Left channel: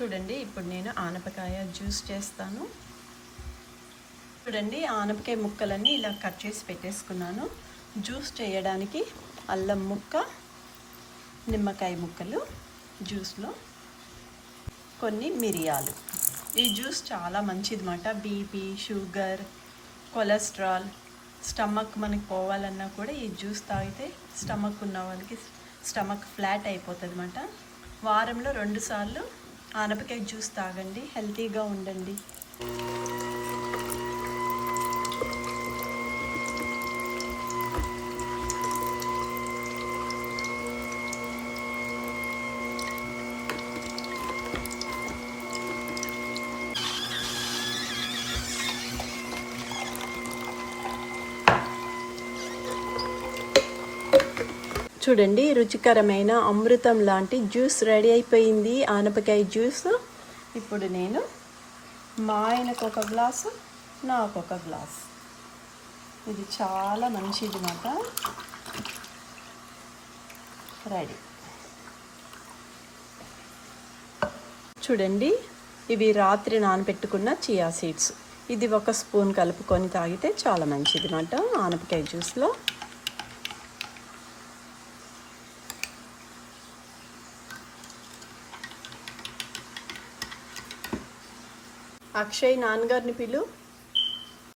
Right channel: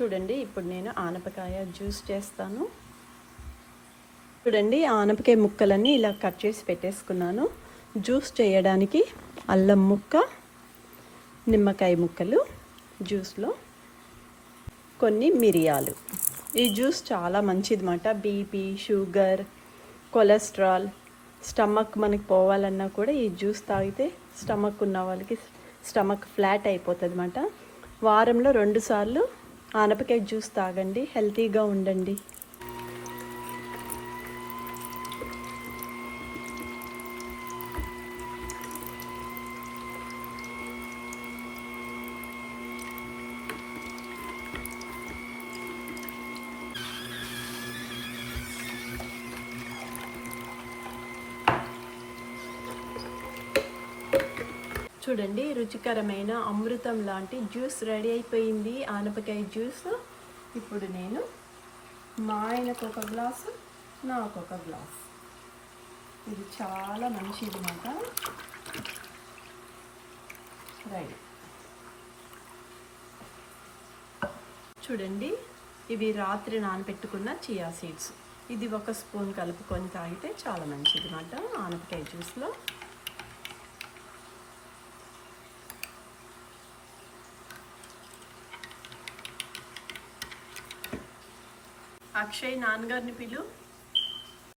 చూడండి, ఇప్పుడు నేను ఆనపకాయ జ్యూస్ చేస్తాను. చూడండి, ఆనపకాయ ముక్కలన్నీ ఇలా కట్ చేసి పెట్టేసుకున్నాను. జ్యూస్ చేయడానికి అల్లం ముక్క, నిమ్మకాయ ముక్కలు, జ్యూస్లో కొన్ని మిరియాలు. ఈ జ్యూస్ చాలా మంచిది అన్నమాట. బీపీ, షుగర్, కొలెస్ట్రాల్, స్టమక్ మనకి పోవాలన్నా కూడా ఈ జ్యూస్ తాగితే స్టమక్ ఉన్న వాళ్ళకి స్టమక్ ఫ్లాట్ అయిపోతుంది అన్నమాట. వారంలో 2 సార్లు ఆనపకాయ జ్యూస్ తాగండి, హెల్తీగా ఉండండి. చూడండి, రుచికరమైన అమృతం లాంటి జ్యూస్ రెడీ అయిపోయింది, ఆనపకాయ జ్యూస్. ఇప్పుడు నేను మా ఆయనకు ఒక గ్లాసు, నాకు ఒక గ్లాసు. ఇది చాలా మంచిది అన్నమాట. రెడీ. చూడండి, ఇవి రాత్రి నానబెట్టుకున్న చియా సీడ్స్. ఇది 1 స్పూన్ కలుపుకొని తాగితే చాలా మంచిది అన్నమాట ఆనపకాయ జ్యూస్లో. అక్షయ్ నాన్నగారిని పిలు.